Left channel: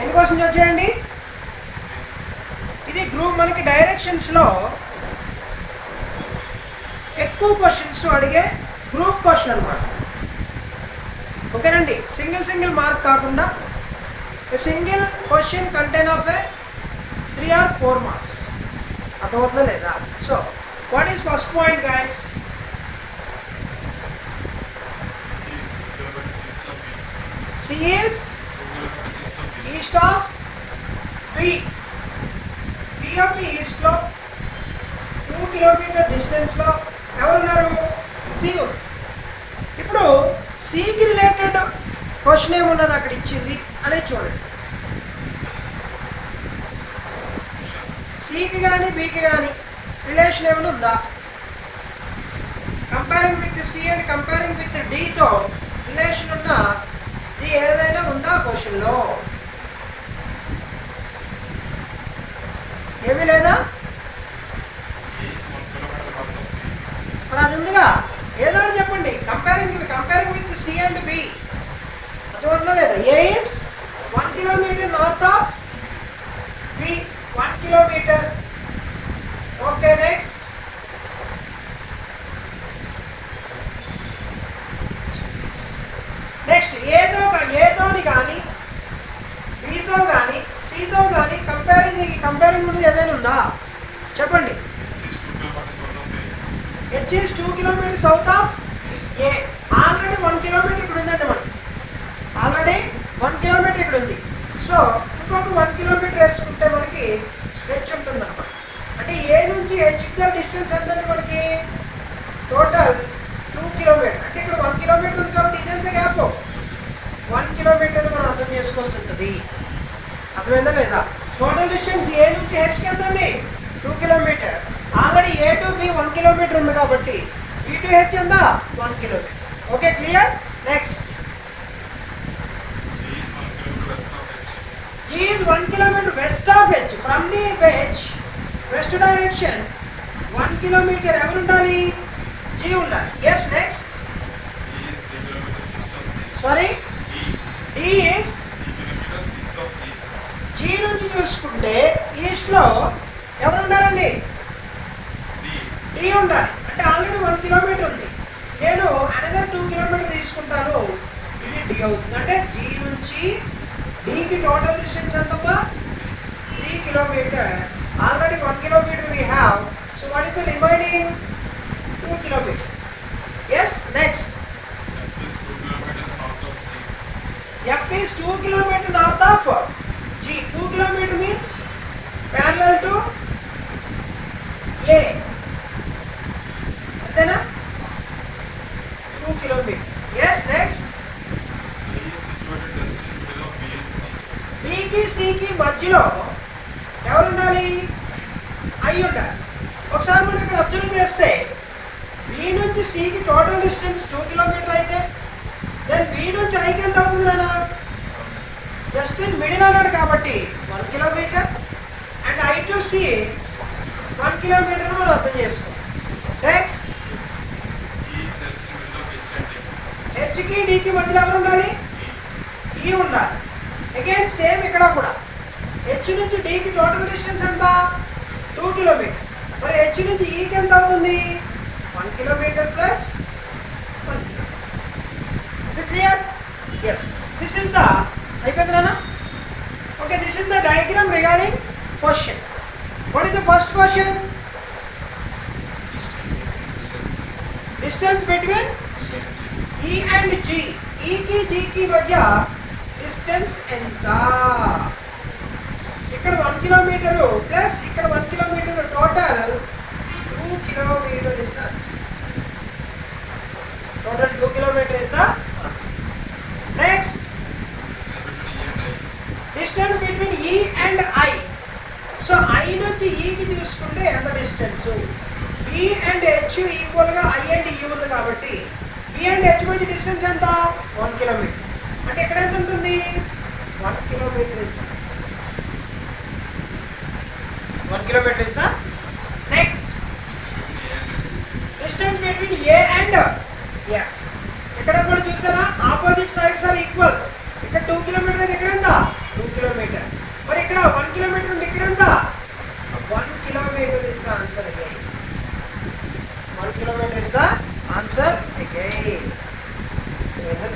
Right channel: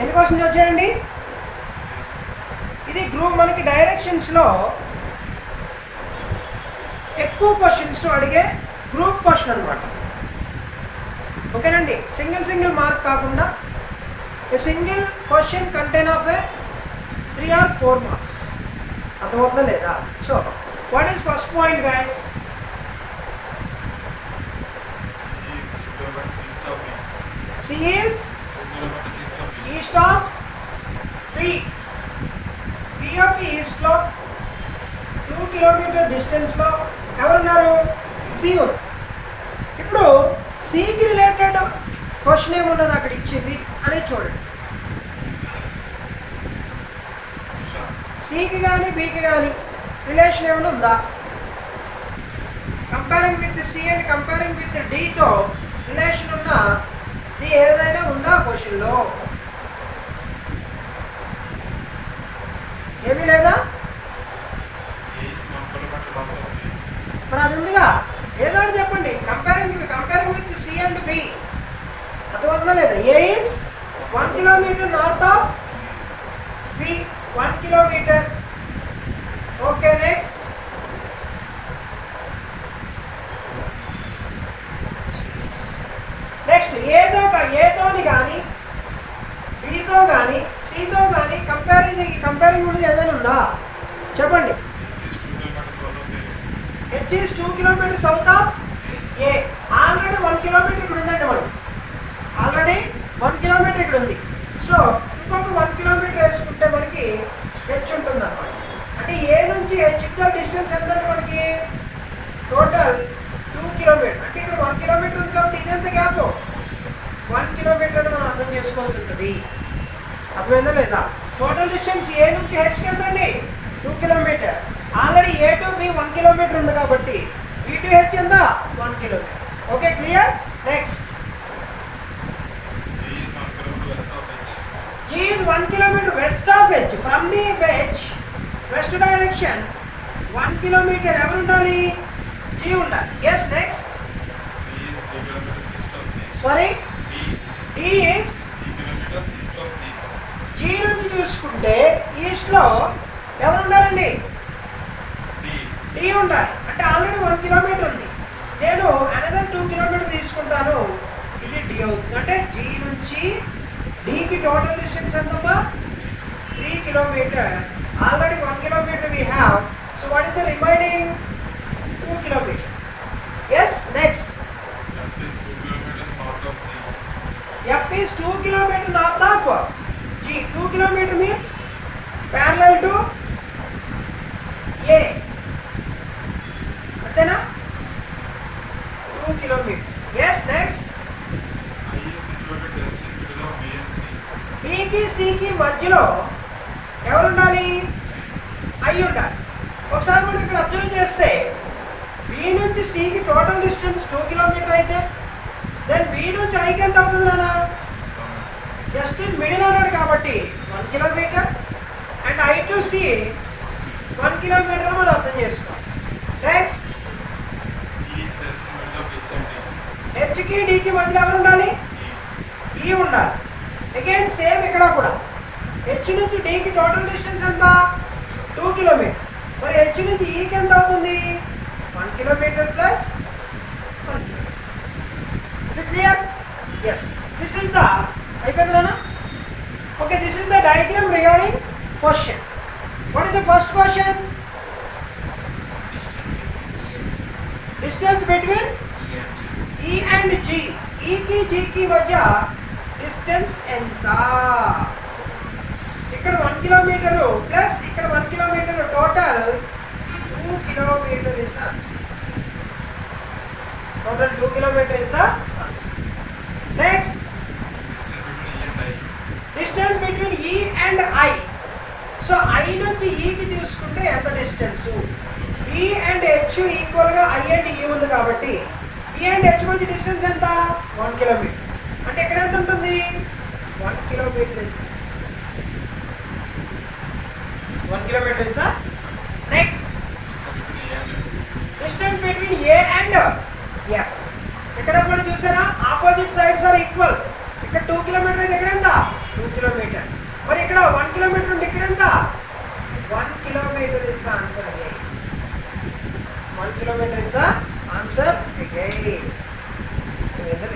ఎన్ని క్వశ్చన్స్ వచ్చాయండి? ఇది గ్రూప్ మనకి డైరెక్షన్స్లో ఎక్కువ క్వశ్చన్స్ అడిగే గ్రూప్ క్వశ్చన్ అనమాట. ఓకేనండి, సింగిల్ మార్క్ కాకుండా a single question contain of A 3 or 4 marks. అర్థమవుతుందా లేదా? So what is first point guys? C is east of B. B of the east లో 2 కిలోమీటర్ డిస్టెన్స్ లో ఎవరున్నారు? C ఉంది. ఇప్పుడు Cకి రిలేటెడ్ క్వశ్చన్ ఏమున్నది అక్కడ ఇచ్చింది అనేది చూడండి. Cకి కానీ Bకి కానీ రిలేషన్ ఏమైనా ఉందా? Comparing with C and comparing with Dతో రిలేషన్ ఉన్న ఇది ఏదైనా ఉందా క్వశ్చన్లో? ఏమీ లేదా? మరి అది ఉందిగా, ఏదో ఒకటి చెప్పండి. Comparing with C and B. అర్థమవుతుందా లేదా? A is 1 kilometer north of B. 1 kilometer. Okay, next. Next ఏతోని కానీ బీతో కానీ సితో కానీ కంపేరింగ్ ఉండేది ఏదైనా ఉందా చెప్పండి. H is 2 kilometers south of A. Already 1 kilometer ఇక్కడ ఉందండి. మనకి ఆల్రెడీ 1 kilometer ఇక్కడ ఉంది. సో ఇంకొక 1 kilometer వేసుకుంటే మనకి H ఉంటుంది అన్నమాట. అంటే A నుంచి H డిస్టెన్స్ ఎంత అంటే మనకి టోటల్ 2 kilometers. అంటే ఇక్కడ 1 kilometer ఉంది కాబట్టి ఇదెంత గ్యాప్? 1 kilometer మనం అర్థం చేసుకోవాల్సి ఉంటుంది. అర్థమైందా లేదా? టోటల్ డిస్టెన్స్ A నుంచి Hకి ఎంతండి? 2 kilometers. Already A to B 1 kilometer ఉంది కాబట్టి B టు H ఎంత? 1 kilometer. Okay, clear? Next. G is 1 kilometer west of H. From the H west direction 1 kilometer ఎవరు ఉండాలి? G ఉండాలి. Yes, next. Sorry, D is G నుంచి చూసుకుంటే ఈస్ట్లో ఎవరు ఉండాలండి? D ఉండాలి. అంటే ఆల్రెడీ 1 kilometer ఉంది. నేను అనదర్ 2 kilometer తీసుకుంటాను. ఇది D అవుతుంది. అంటే G నుంచి Dకి టోటల్ డిస్టెన్స్ ఎంతమ్మా? 3 kilometer. Already 1 kilometer we have. So what is the remaining? 2 kilometer. Yes, next. F is 2 kilometer north of G. 2 kilometer means parallel to A. అంతేనా? 2 kilometer. Yes, next. Bకి Cకి మధ్యలో ఎవరు ఉండాలి? I ఉండాలి. ఒకసారి మనం ఇక్కడ అబ్జర్వ్ చేస్తే B నుంచి Cకి టోటల్ డిస్టెన్స్ 2 kilometer అయితే దెన్ B నుంచి Iకి ఎంత అవుతుంది నాన్న? జస్ట్ ఇన్ మిడిల్ అన్నాడు కాబట్టి 1 kilometer. And I to C 1 kilometer మనం అర్థం చేసుకోవాలి. నెక్స్ట్. Hకి Dకి మధ్యలో ఎవరు ఉండాలి? E ఉండాలి. అగైన్ సేమ్ ఇక్కడ కూడా H నుంచి Dకి టోటల్ డిస్టెన్స్ ఎంత? 2 kilometer. మరి H నుంచి Eకి ఎంత అవుతుంది? 1 kilometer plus 1 kilometer. Is it clear? Yes. This is the అయిపోతుందా? Okay, this is the diagram regarding question. What is the first question? Distance between E and G. E కి G కి మధ్య distance ఎంత? ఇక్కడ 1 kilometer plus ఇక్కడ 1 kilometer total 2 kilometer is the answer. Total 2 kilometer is the answer. Next. Distance between E and I. So I నుంచి E కి తీసుకుంటే ఎంత distance? E and H equal గా I and E ఉంది కాబట్టి E and H మధ్య distance ఎంత? 1 kilometer. అంటే ఇక్కడ ఎంత ఉంటుంది? 1 kilometer is 1 kilometer is the next. Distance between A and F. ఇక్కడ కూడా చూసారా ఆపోజిట్ సైడ్స్ ఆర్ ఈక్వల్. ఇక్కడ 2 kilometer అయితే ఇక్కడ ఎంత? 2 kilometer. కిలోమీటర్. మరి ఇక్కడ 1 కిలోమీటర్ ఉంది, ఇక్కడ ఎంత? 1 kilometre is the answer again. 1 kilometre is the answer again. లేదా